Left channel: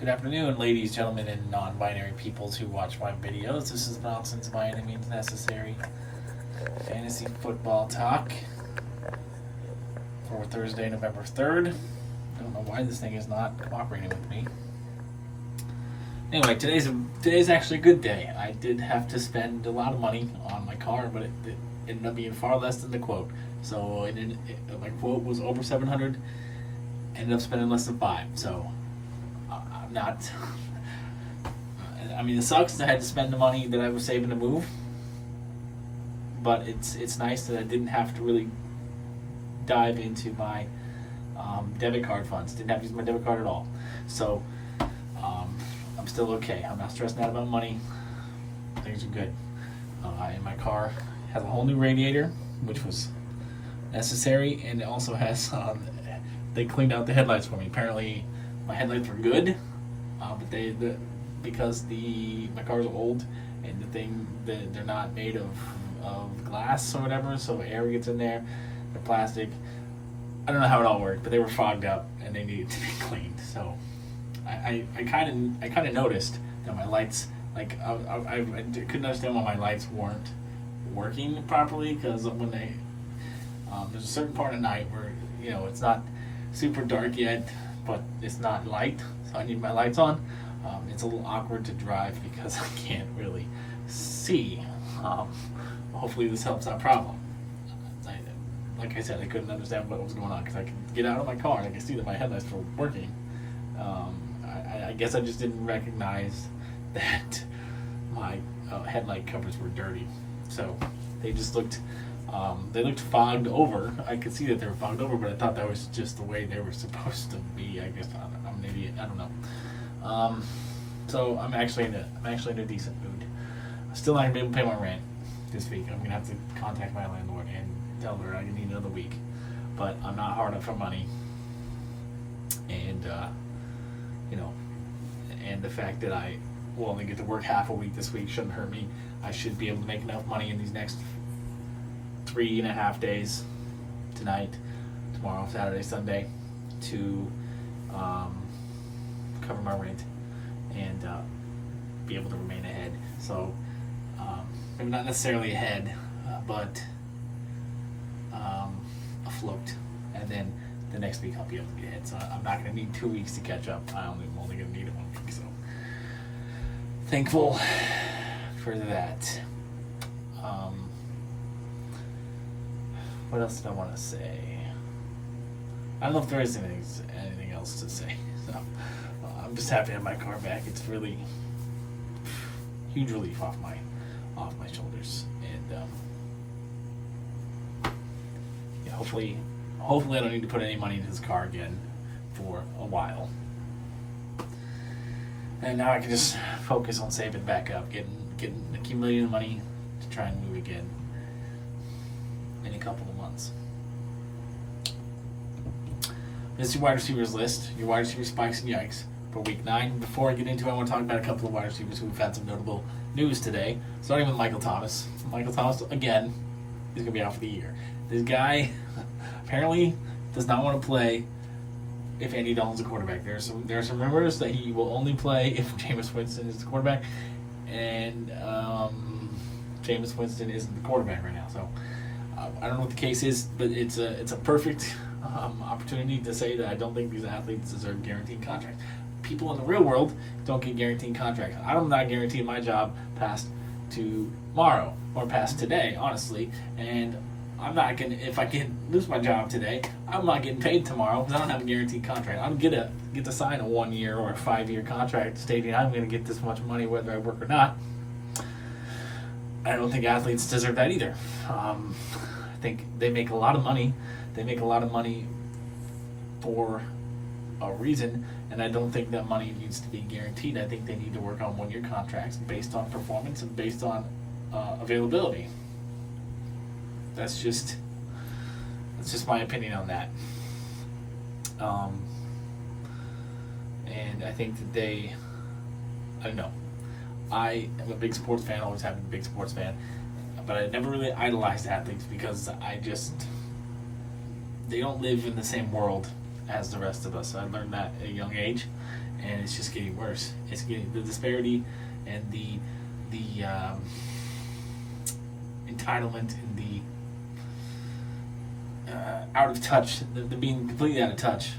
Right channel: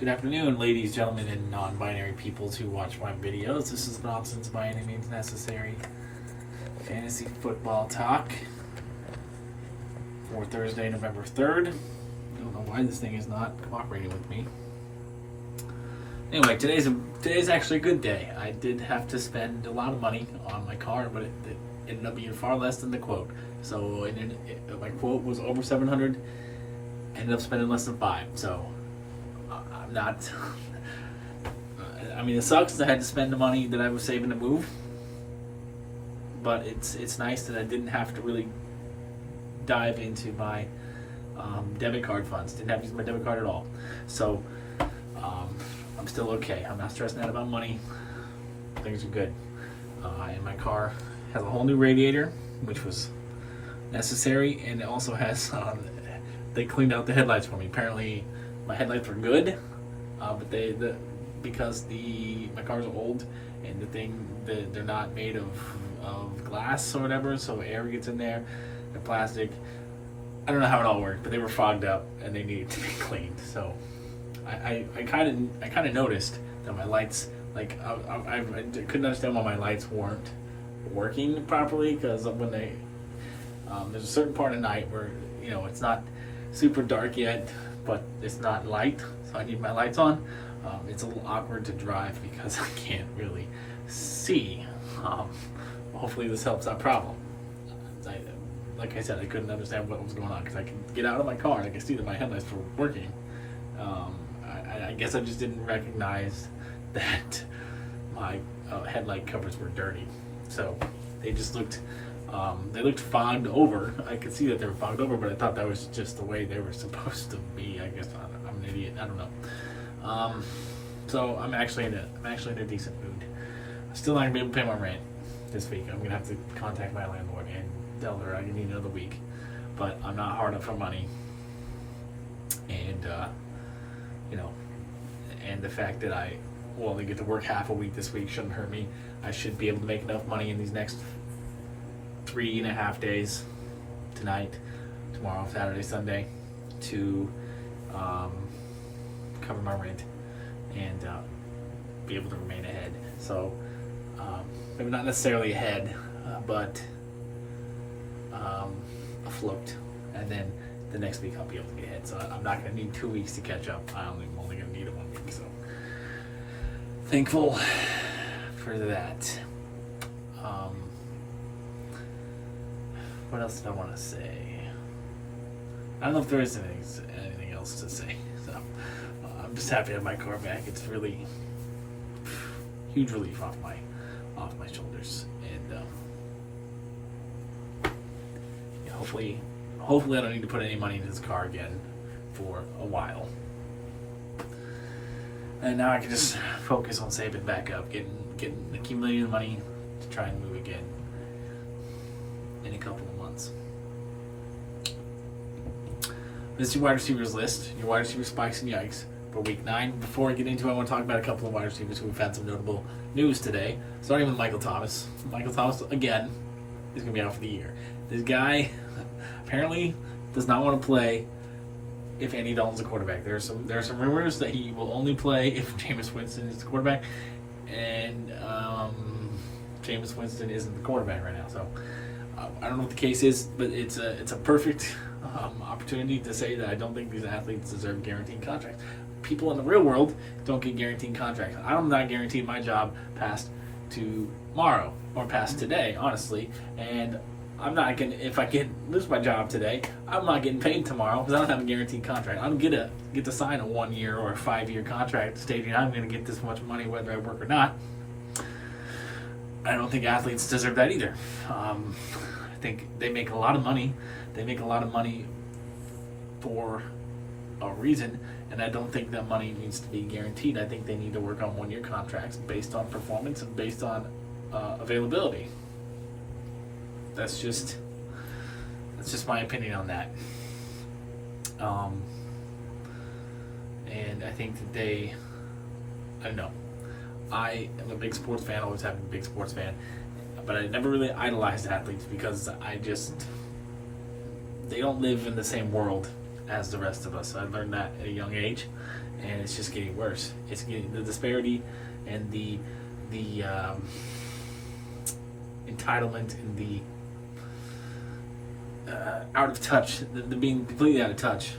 Good afternoon, ladies, gentlemen, and non-binary peoples who watch my videos. This is Nonsense by Any Means Necessary Fantasy Football Talk for Thursday, November 3rd. I don't know why this thing is not cooperating with me. Anyway, today's actually a good day. I did have to spend a lot of money on my car, but it ended up being far less than the quote. So my quote was over $700. Ended up spending less than $5. So I'm not. I mean, it sucks that I had to spend the money that I was saving to move. But it's nice that I didn't have to really dive into my debit card funds. Didn't have to use my debit card at all. So I'm still okay. I'm not stressing out about money. Things are good. And my car has a whole new radiator, which was necessary, and it also has they cleaned out the headlights for me. Apparently, my headlights were good, but because my car's old and they're not made of glass or whatever, so air gets in there. They're plastic. I don't know how it all worked, but they were fogged up and they needed to be cleaned. So I kind of noticed that my lights, like I couldn't understand why my lights weren't working properly, because when there's a certain part of night where it's not super dark yet, but it's not light, so I need my lights on. It's a little awkward to drive because I can't really see. Hopefully this helps that problem. Like I said, I couldn't understand what was going on because I could get out of my car and I could see that my headlights were working. I guess I just didn't recognize that my headlight covers were dirty, so they just looked fogged over. I could see that they were fogged over, but I thought that was just the way they were supposed to be. I guess I'm an idiot. I don't know. So I'm actually in a decent mood. I'm still not gonna be able to pay my rent this week. I'm gonna have to contact my landlord and tell her I need another week. But I'm not hard up for money, and and the fact that I will only get to work half a week this week shouldn't hurt me. I should be able to make enough money in these next 3.5 days, tonight, tomorrow, Saturday, Sunday, to cover my rent and be able to remain ahead. So maybe not necessarily ahead, but afloat. And then the next week I'll be able to get ahead. So I'm not going to need 2 weeks to catch up. I'm only going to need it 1 week. So thankful for that. What else did I want to say? I don't know if there is anything else to say. So I'm just happy to have my car back. It's really huge relief off my shoulders, and hopefully I don't need to put any money into this car again for a while. And now I can just focus on saving back up, accumulating the money to try and move again in a couple of months. This is your wide receivers list, your wide receiver spikes and yikes for week 9. Before I get into it, I want to talk about a couple of wide receivers who have had some notable news today. Starting with Michael Thomas. Michael Thomas, again, is going to be out for the year. This guy apparently does not want to play if Andy Dalton's the quarterback. There's some rumors that he will only play if Jameis Winston is the quarterback, and Jameis Winston isn't the quarterback right now. So I don't know what the case is, but it's a perfect opportunity to say that I don't think these athletes deserve guaranteed contracts. People in the real world don't get guaranteed contracts. I'm not guaranteed my job past tomorrow or past today, honestly. And I'm not gonna. If I lose my job today, I'm not getting paid tomorrow because I don't have a guaranteed contract. I don't get to sign a 1 year or a 5 year contract stating I'm going to get this much money whether I work or not. I don't think athletes deserve that either. I think they make a lot of money. They make a lot of money for a reason, and I don't think that money needs to be guaranteed. I think they need to work on 1 year contracts based on performance and based on availability. That's just my opinion on that. And I think that I don't know. I am a big sports fan, always have been a big sports fan, but I never really idolized athletes because they don't live in the same world as the rest of us. I learned that at a young age, and it's just getting worse. It's getting the disparity and the entitlement and the out of touch, the being completely out of touch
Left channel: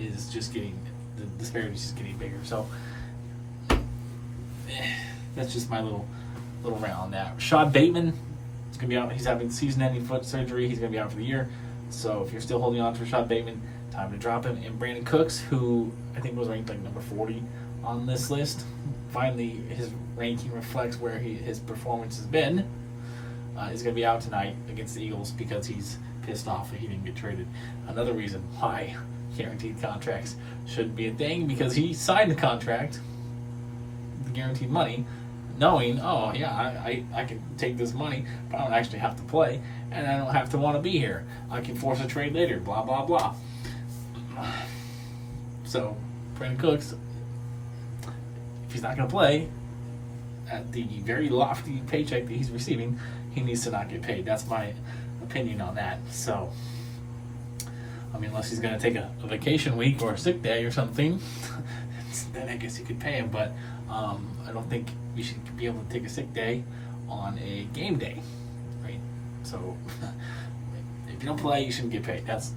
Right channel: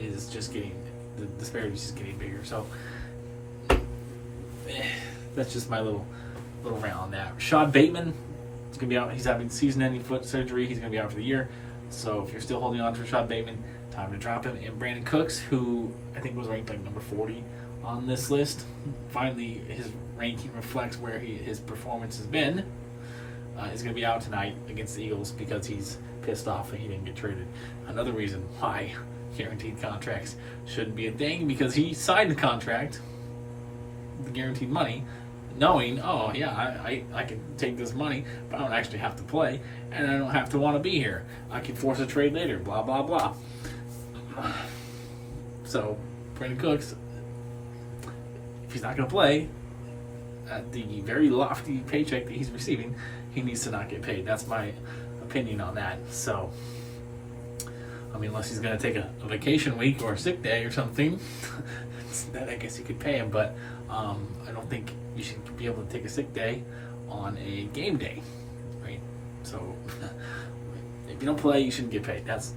is just getting, the disparity is just getting bigger. So that's just my little rant on that. Rashad Bateman is going to be out. He's having season-ending foot surgery. He's going to be out for the year. So if you're still holding on to Rashad Bateman, time to drop him. And Brandon Cooks, who I think was ranked like number 40 on this list, finally his ranking reflects where his performance has been. Is going to be out tonight against the Eagles because he's pissed off that he didn't get traded. Another reason why guaranteed contracts shouldn't be a thing, because he signed the contract, the guaranteed money, knowing, oh yeah, I can take this money, but I don't actually have to play, and I don't have to want to be here. I can force a trade later, blah, blah, blah. So, Brandon Cooks, if he's not going to play at the very lofty paycheck that he's receiving, he needs to not get paid. That's my opinion on that. So, I mean, unless he's going to take a vacation week or a sick day or something, then I guess you could pay him. But I don't think you should be able to take a sick day on a game day, right? So, if you don't play, you shouldn't get paid. That's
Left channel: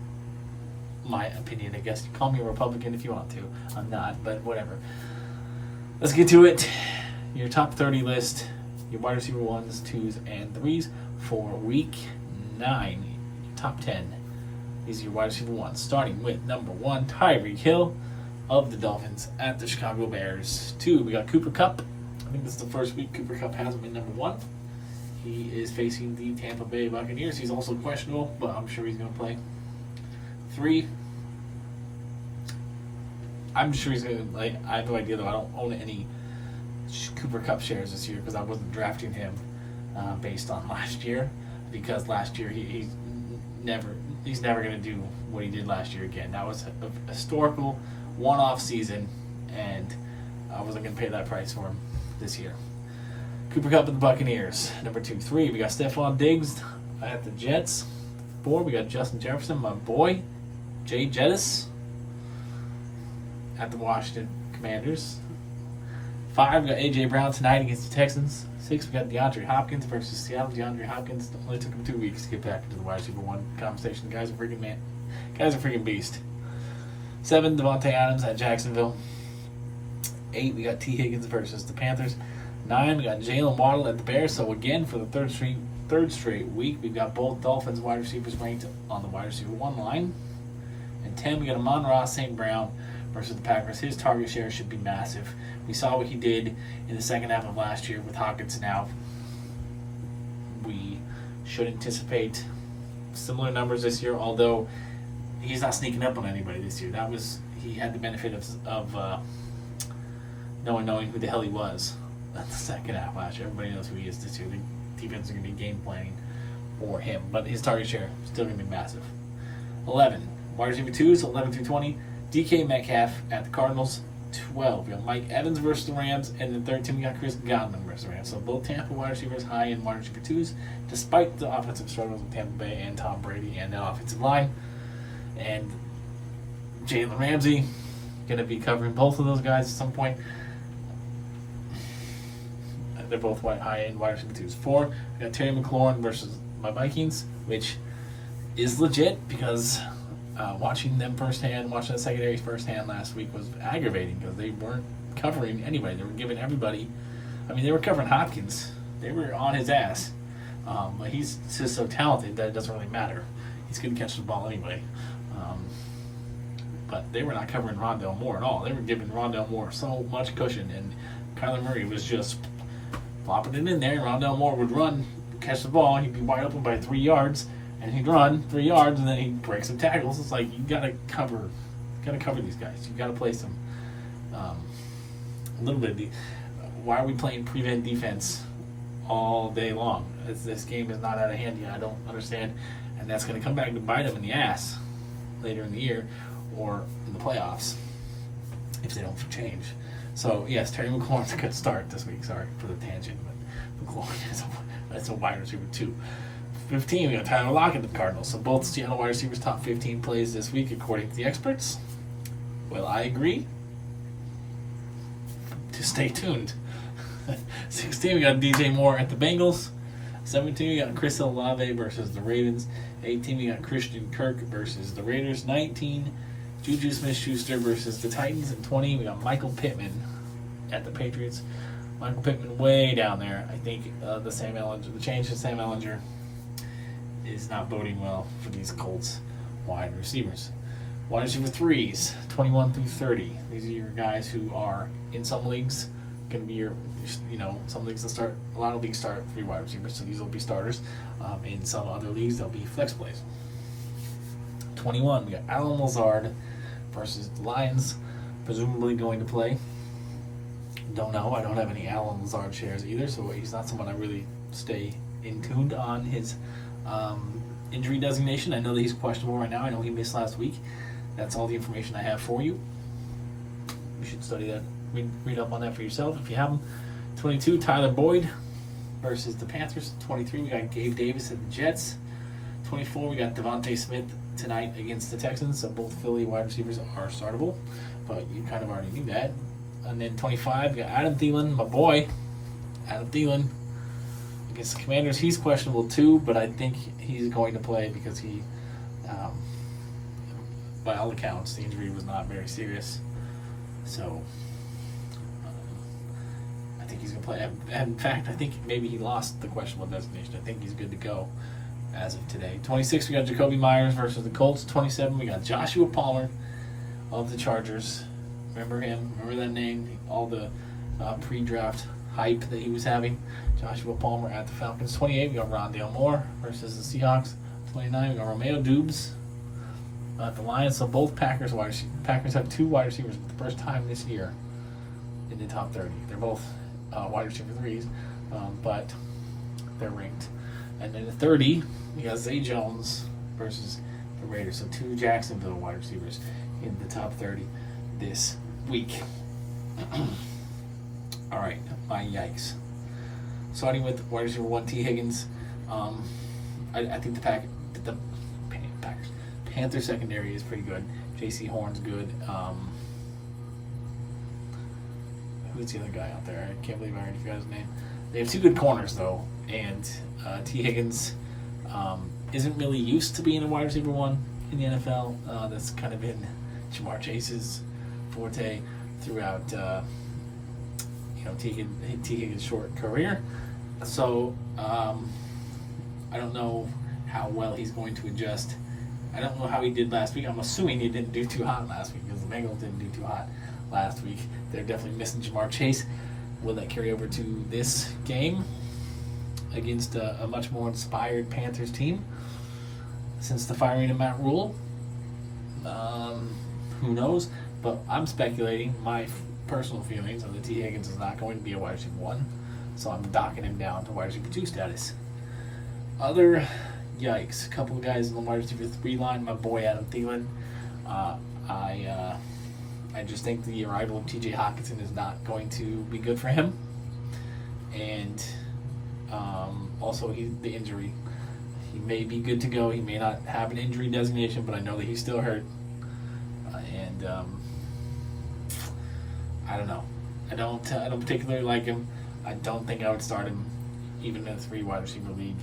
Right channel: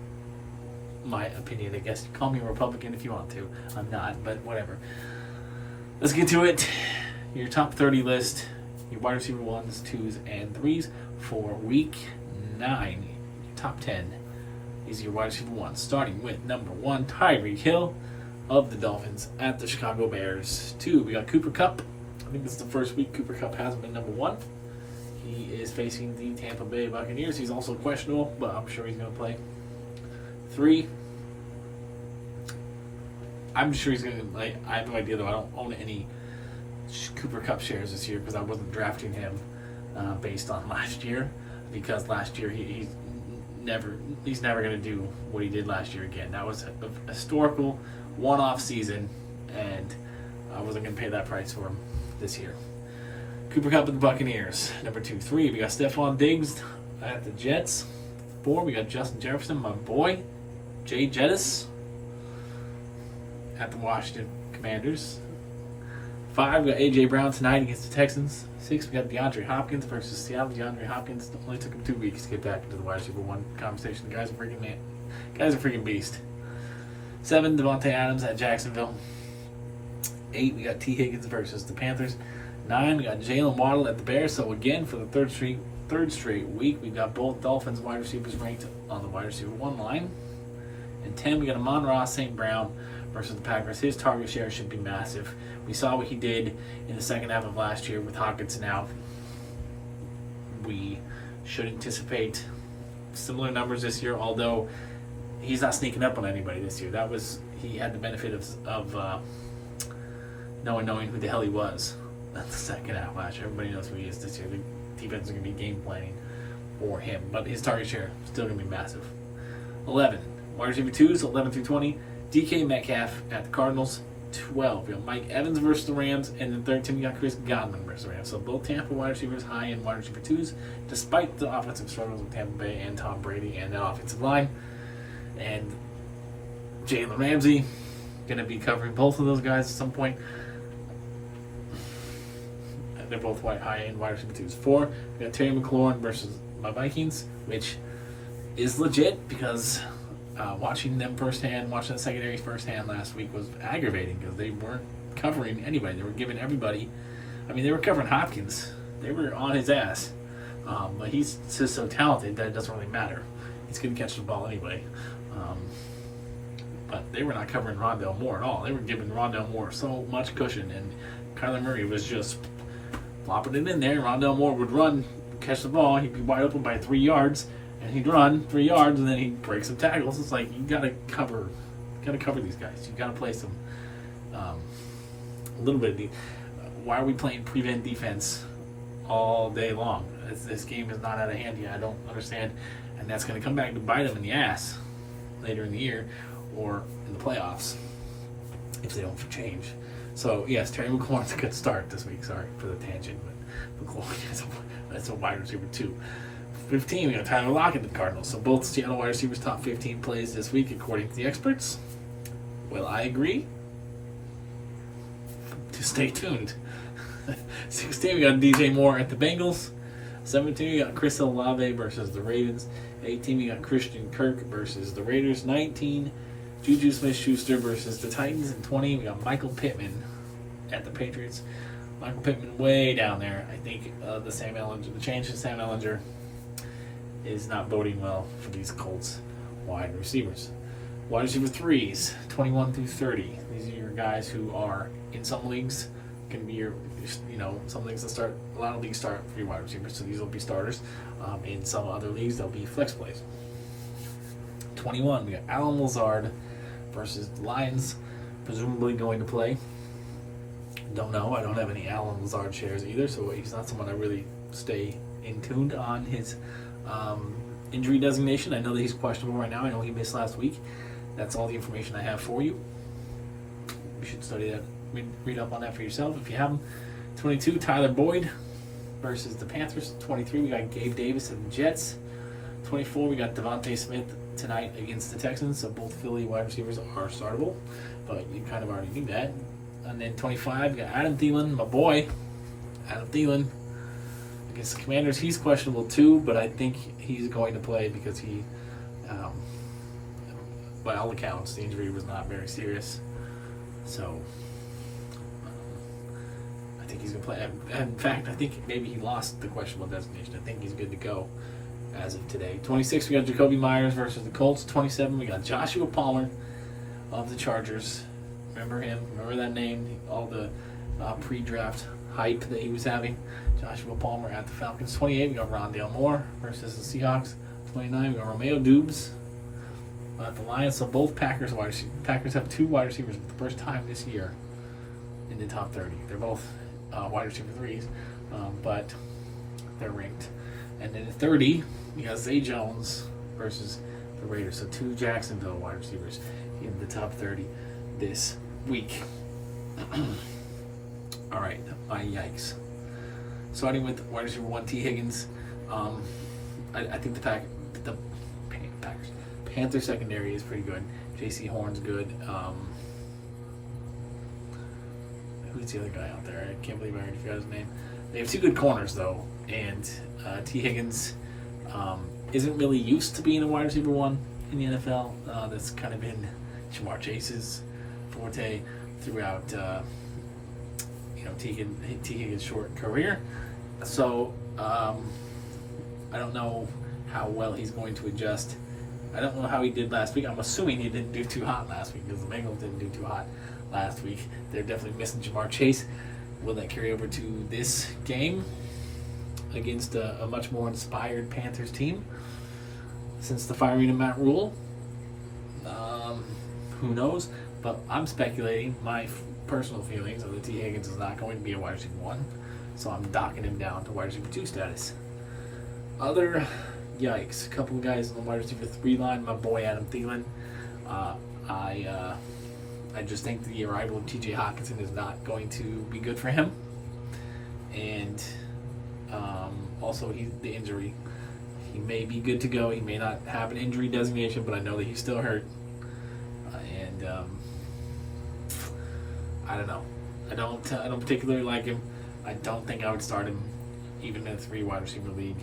my opinion. I guess you call me a Republican if you want to. I'm not, but whatever. Let's get to it. Your top 30 list, your wide receiver 1s, 2s, and 3s for week 9. Top 10. These are your wide receiver 1s. Starting with number 1, Tyreek Hill of the Dolphins at the Chicago Bears. 2, we got Cooper Kupp. I think this is the first week Cooper Kupp hasn't been number 1. He is facing the Tampa Bay Buccaneers. He's also questionable, but I'm sure he's going to play. 3, I'm sure he's going to, I have no idea though. I don't own any Cooper Kupp shares this year because I wasn't drafting him based on last year, because last year he's never going to do what he did last year again. That was a historical one-off season, and I wasn't going to pay that price for him this year. Cooper Kupp at the Buccaneers. Number 2. 3, we got Stephon Diggs at the Jets. 4, we got Justin Jefferson, my boy, Jay Jettis at the Washington Commanders. 5, we got A.J. Brown tonight against the Texans. 6, we got DeAndre Hopkins versus Seattle. DeAndre Hopkins only took him 2 weeks to get back into the wide receiver 1 conversation. The guy's a freaking beast. 7, Devontae Adams at Jacksonville. 8, we got T. Higgins versus the Panthers. 9, we got Jalen Waddle at the Bears. So again, for the third straight week, we've got both Dolphins wide receivers ranked on the wide receiver 1 line. And 10, we got Amon-Ra St. Brown versus the Packers. His target share should be massive. We saw what he did in the second half of last year with Hawkins now. We should anticipate similar numbers this year, although he's not sneaking up on anybody this year. He had the benefit of no one knowing who the hell he was at the second half last year. Everybody knows who he is this year. The defense is going to be game planning for him, but his target share is still going to be massive. 11, wide receiver 2s, 11 through 20. DK Metcalf at the Cardinals. 12, we got Mike Evans versus the Rams, and the 13, we got Chris Godwin versus the Rams. So both Tampa wide receivers high in wide receiver 2s, despite the offensive struggles with Tampa Bay and Tom Brady and that offensive line. And Jalen Ramsey going to be covering both of those guys at some point. They're both high in wide receiver 2s. 4, we got Terry McLaurin versus my Vikings, which is legit because watching them firsthand, watching the secondary firsthand last week was aggravating because they weren't covering anybody. They were giving everybody. I mean, they were covering Hopkins. They were on his ass. But he's just so talented that it doesn't really matter. He's going to catch the ball anyway. But they were not covering Rondale Moore at all. They were giving Rondale Moore so much cushion, and Kyler Murray was just flopping it in there. Rondale Moore would run, catch the ball. He'd be wide open by 3 yards. And he'd run 3 yards, and then he'd break some tackles. It's like you gotta cover these guys. You gotta play some a little bit. Why are we playing prevent defense all day long? This game is not out of hand yet. I don't understand, and that's gonna come back to bite them in the ass later in the year or in the playoffs if they don't change. So yes, Terry McLaurin's a good start this week. Sorry for the tangent, but McLaurin that's a wide receiver 2. 15, we got Tyler Lockett at the Cardinals. So both Seattle wide receivers top 15 plays this week according to the experts. Will I agree? to stay tuned. 16, we got DJ Moore at the Bengals. 17, we got Chris Olave versus the Ravens. 18, we got Christian Kirk versus the Raiders. 19, Juju Smith-Schuster versus the Titans. And 20, we got Michael Pittman at the Patriots. Michael Pittman way down there. I think the change to Sam Ellinger is not boding well for these Colts wide receivers. Wide receiver 3s, 21 through 30. These are your guys who are in some leagues going to be some leagues that start, a lot of leagues start 3 wide receivers, so these will be starters. In some other leagues, they'll be flex plays. 21, we got Alan Lazard versus the Lions, presumably going to play. Don't know. I don't have any Alan Lazard shares either, so he's not someone I really stay in tuned on his injury designation. I know that he's questionable right now. I know he missed last week. That's all the information I have for you. You should study that. Read up on that for yourself if you haven't. 22, Tyler Boyd versus the Panthers. 23, we got Gabe Davis and the Jets. 24, we got Devontae Smith tonight against the Texans. So both Philly wide receivers are startable, but you kind of already knew that. And then 25, we got Adam Thielen, my boy, Adam Thielen against the Commanders. He's questionable too, but I think he's going to play because he, by all accounts, the injury was not very serious. So I think he's going to play. And in fact, I think maybe he lost the questionable designation. I think he's good to go as of today. 26, we got Jacoby Myers versus the Colts. 27, we got Joshua Palmer of the Chargers. Remember him? Remember that name? All the pre-draft hype that he was having. Joshua Palmer at the Falcons. 28, we got Rondale Moore versus the Seahawks. 29, we got Romeo Doubs at the Lions. So both Packers have 2 wide receivers for the first time this year in the top 30. They're both wide receiver 3s, but they're ranked. And then at 30, we got Zay Jones versus the Raiders. So 2 Jacksonville wide receivers in the top 30 this week. All right, my yikes. Starting with wide receiver 1, T. Higgins. I think the Panthers secondary is pretty good. J.C. Horn's good. Who's the other guy out there? I can't believe I already forgot his name. They have 2 good corners though, and T. Higgins isn't really used to being a wide receiver 1 in the NFL. That's kind of been Jamar Chase's forte throughout T. Higgins' short career. So I don't know how well he's going to adjust. I don't know how he did last week. I'm assuming he didn't do too hot last week because the Bengals didn't do too hot last week. They're definitely missing Jamar Chase. Will that carry over to this game against a much more inspired Panthers team since the firing of Matt Rule? Who knows? But I'm speculating. My personal feelings are that T. Higgins is not going to be a wide receiver 1, so I'm docking him down to wide receiver 2 status. Other yikes. A couple of guys in the wide receiver 3 line. My boy Adam Thielen. I just think the arrival of T.J. Hockenson is not going to be good for him. And also the injury. He may be good to go. He may not have an injury designation, but I know that he's still hurt. I don't know. I don't particularly like him. I don't think I would start him even in a 3 wide receiver league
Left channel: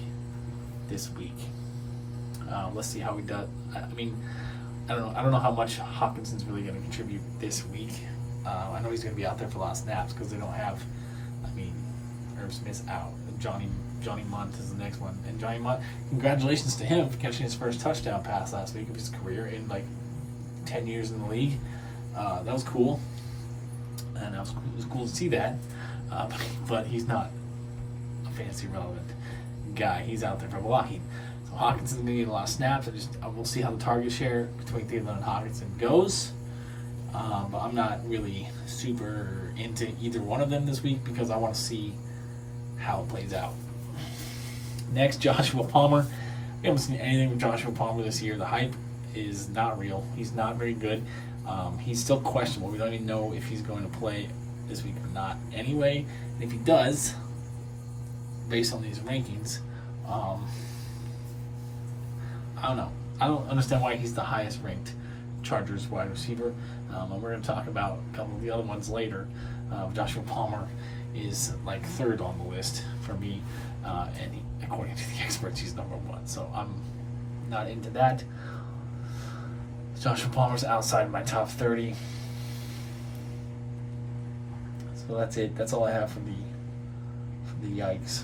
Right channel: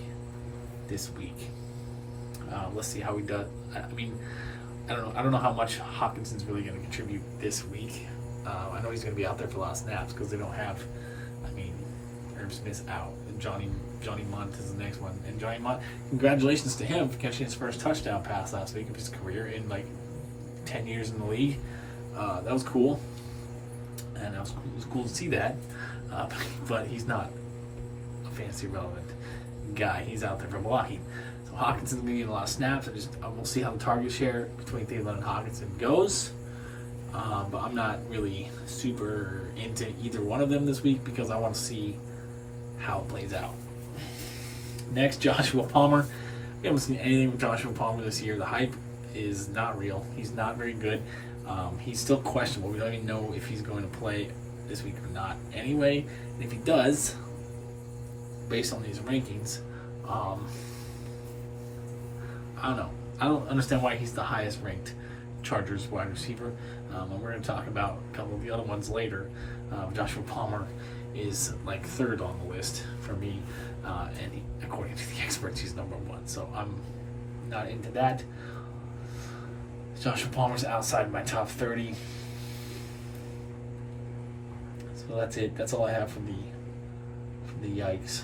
this week. Let's see how he does. I mean, I don't know how much Hawkinson's really going to contribute this week. I know he's going to be out there for a lot of snaps because they don't have. Herb Smith's out, and Johnny Munt is the next one. And Johnny Munt, congratulations to him for catching his first touchdown pass last week of his career in like 10 years in the league. That was cool. And it was cool to see that, but he's not a fantasy relevant guy. He's out there for blocking. So Hawkinson's going to get a lot of snaps. We'll see how the target share between Thielen and Hawkinson goes. But I'm not really super into either one of them this week because I want to see how it plays out. Next, Joshua Palmer. We haven't seen anything from Joshua Palmer this year. The hype is not real. He's not very good. He's still questionable. We don't even know if he's going to play this week or not anyway. And if he does, based on these rankings, I don't know. I don't understand why he's the highest ranked Chargers wide receiver. And we're going to talk about a couple of the other ones later. Joshua Palmer is like third on the list for me, and according to the experts, he's number one. So I'm not into that. Joshua Palmer's outside my top 30. So that's it. That's all I have for the yikes.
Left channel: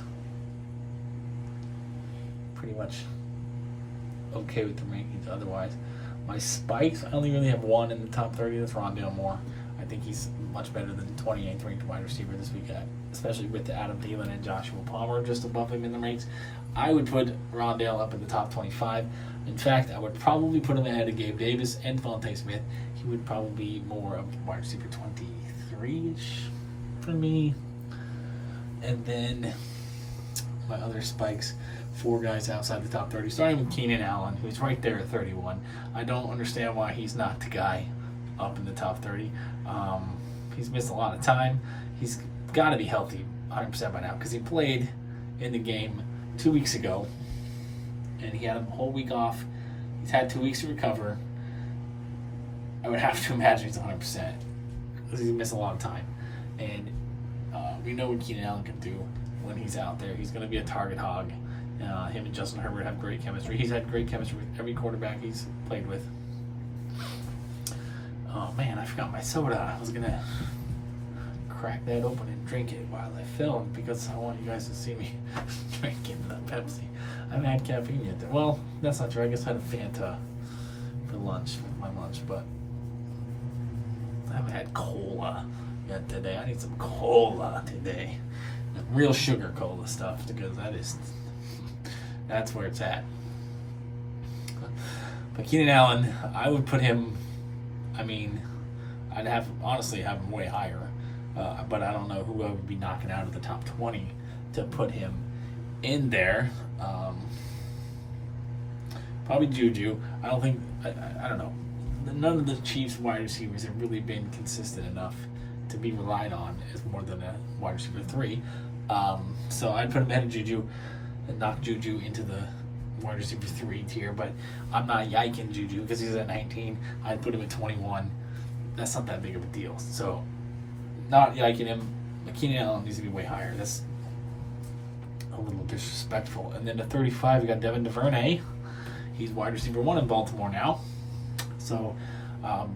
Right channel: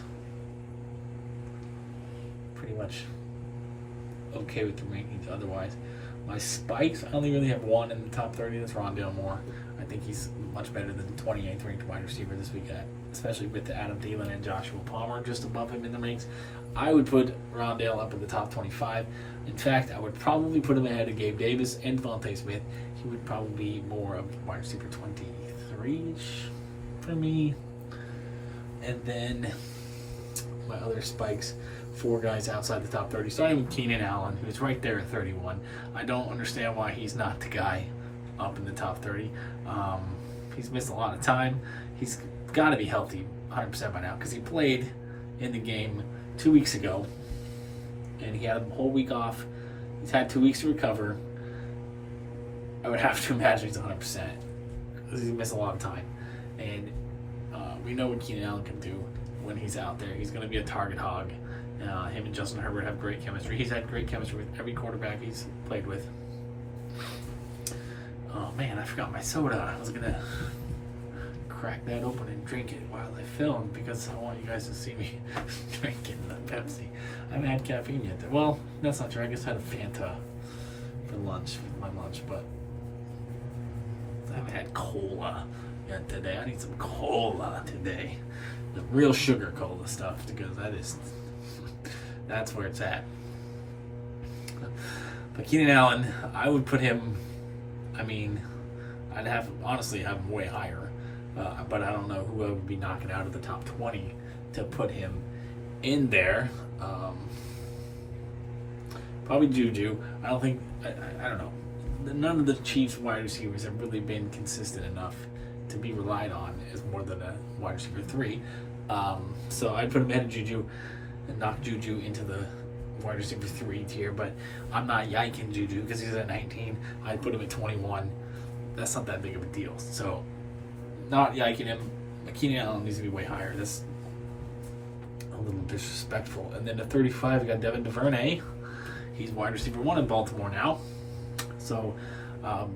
Pretty much okay with the rankings otherwise. My spikes, I only really have one in the top 30. That's Rondale Moore. I think he's much better than 28th ranked wide receiver this week, especially with Adam Thielen and Joshua Palmer just above him in the ranks. I would put Rondale up in the top 25. In fact, I would probably put him ahead of Gabe Davis and Devontae Smith. He would probably be more of wide receiver 23-ish for me. And then my other spikes, 4 guys outside the top 30, starting with Keenan Allen, who's right there at 31. I don't understand why he's not the guy up in the top 30. He's missed a lot of time. He's got to be healthy 100% by now because he played in the game 2 weeks ago, and he had a whole week off. He's had 2 weeks to recover. I would have to imagine he's 100% because he's missed a lot of time. And we know what Keenan Allen can do when he's out there. He's going to be a target hog. Him and Justin Herbert have great chemistry. He's had great chemistry with every quarterback he's played with. Oh man, I forgot my soda. I was going to crack that open and drink it while I filmed because I want you guys to see me drinking that Pepsi. I haven't had caffeine yet. Well, that's not true. I guess I had a Fanta for lunch, with my lunch, but I haven't had cola yet today. I need some cola today. Real sugar cola stuff because that's where it's at. But Keenan Allen, I would put him, I'd honestly have him way higher. But I don't know who I would be knocking out of the top 20 to put him in there. Probably Juju. I don't know. None of the Chiefs wide receivers have really been consistent enough to be relied on as more than a wide receiver 3. So I'd put him ahead of Juju and knock Juju into the wide receiver 3 tier, but I'm not yiking Juju because he's at 19. I'd put him at 21. That's not that big of a deal. So not yiking him. Keenan Allen needs to be way higher. That's a little disrespectful. And then at 35, we got Devin DuVernay. He's wide receiver 1 in Baltimore now. So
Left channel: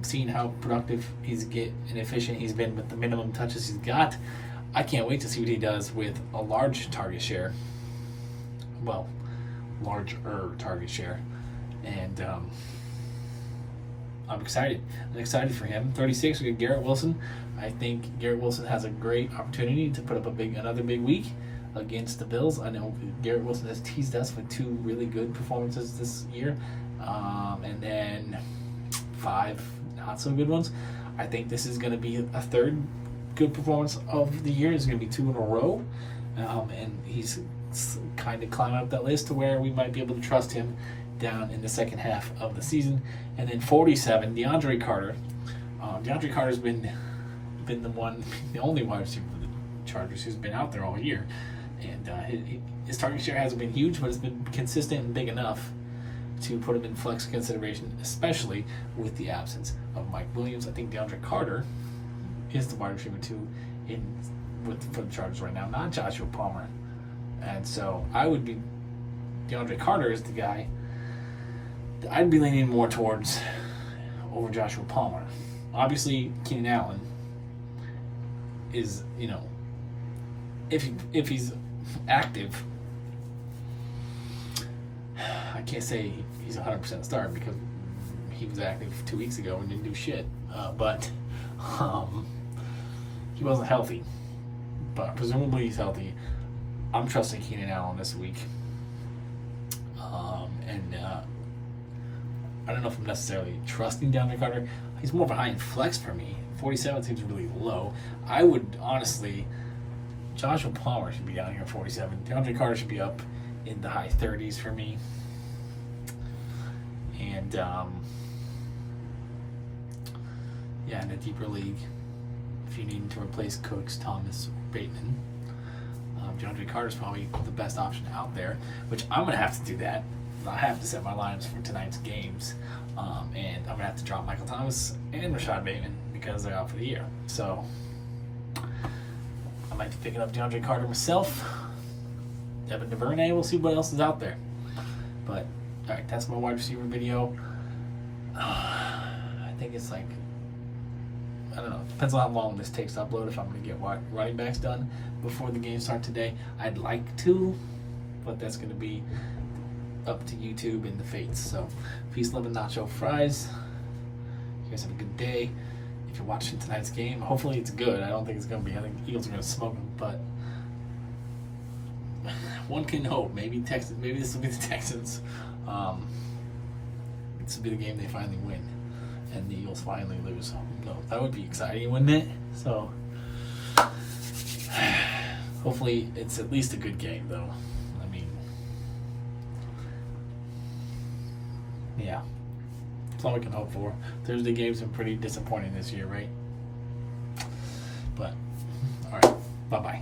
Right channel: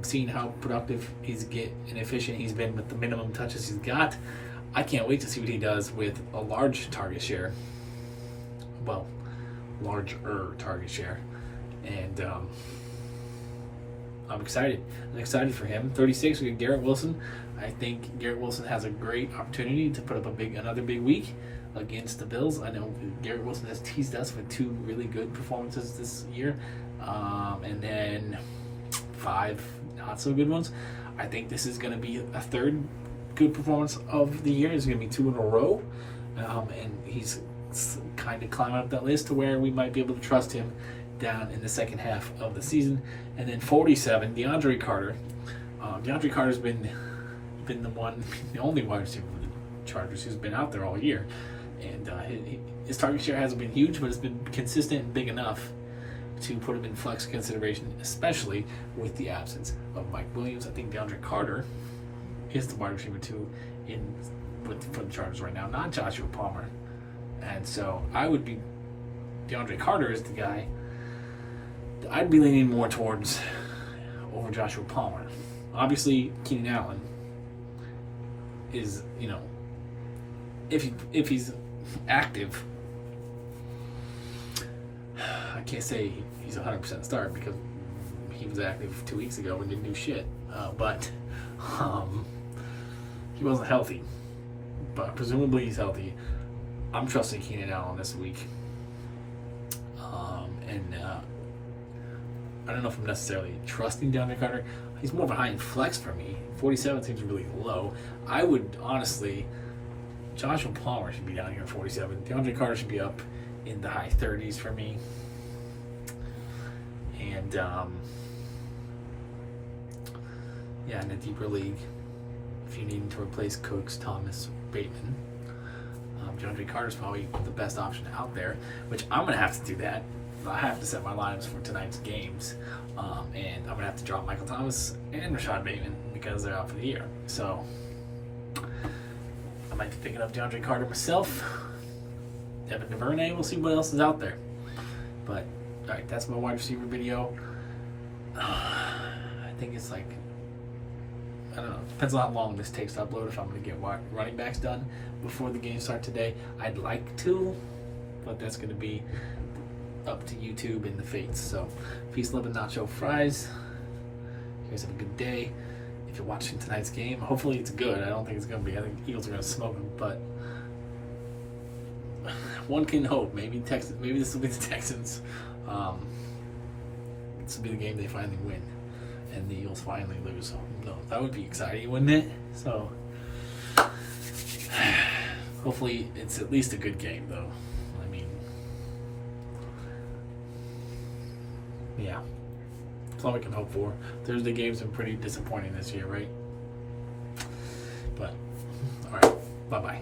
seeing how productive and efficient he's been with the minimum touches he's got, I can't wait to see what he does with a large target share. Well, larger target share. And I'm excited. I'm excited for him. 36, we got Garrett Wilson. I think Garrett Wilson has a great opportunity to put up another big week against the Bills. I know Garrett Wilson has teased us with 2 really good performances this year, and then 5 not so good ones. I think this is going to be a third good performance of the year. It's going to be 2 in a row, and he's kind of climbing up that list to where we might be able to trust him down in the second half of the season. And then 47, DeAndre Carter. DeAndre Carter's been the only wide receiver for the Chargers who's been out there all year, and his target share hasn't been huge, but it's been consistent and big enough to put him in flex consideration, especially with the absence of Mike Williams. I think DeAndre Carter is the wide receiver 2 for the Chargers right now, not Joshua Palmer. And so DeAndre Carter is the guy I'd be leaning more towards over Joshua Palmer. Obviously, Keenan Allen is, if he's active, I can't say he's 100% start because he was active 2 weeks ago and didn't do shit. But he wasn't healthy. But presumably he's healthy. I'm trusting Keenan Allen this week. I don't know if I'm necessarily trusting DeAndre Carter. He's more behind flex for me. 47 seems really low. I would honestly, Joshua Palmer should be down here at 47. DeAndre Carter should be up in the high 30s for me. And in a deeper league, if you need to replace Cooks, Thomas, or Bateman, DeAndre Carter is probably the best option out there, which I'm going to have to do that I have to set my lines for tonight's games, and I'm gonna have to drop Michael Thomas and Rashad Bateman because they're out for the year. So I might be picking up DeAndre Carter myself. Devin DuVernay. We'll see what else is out there. But all right, that's my wide receiver video. I think it's like, I don't know. Depends on how long this takes to upload. If I'm gonna get running backs done before the games start today, I'd like to, but that's gonna be up to YouTube and the fates. So, peace, love, and nacho fries. You guys have a good day. If you're watching tonight's game, hopefully it's good. I don't think it's going to be. I think Eagles are going to smoke them, but one can hope. Maybe Texans. Maybe this will be the Texans. This will be the game they finally win, and the Eagles finally lose. No, that would be exciting, wouldn't it? So, hopefully it's at least a good game, though. Yeah, that's all we can hope for. Thursday games have been pretty disappointing this year, right? But, all right, bye-bye.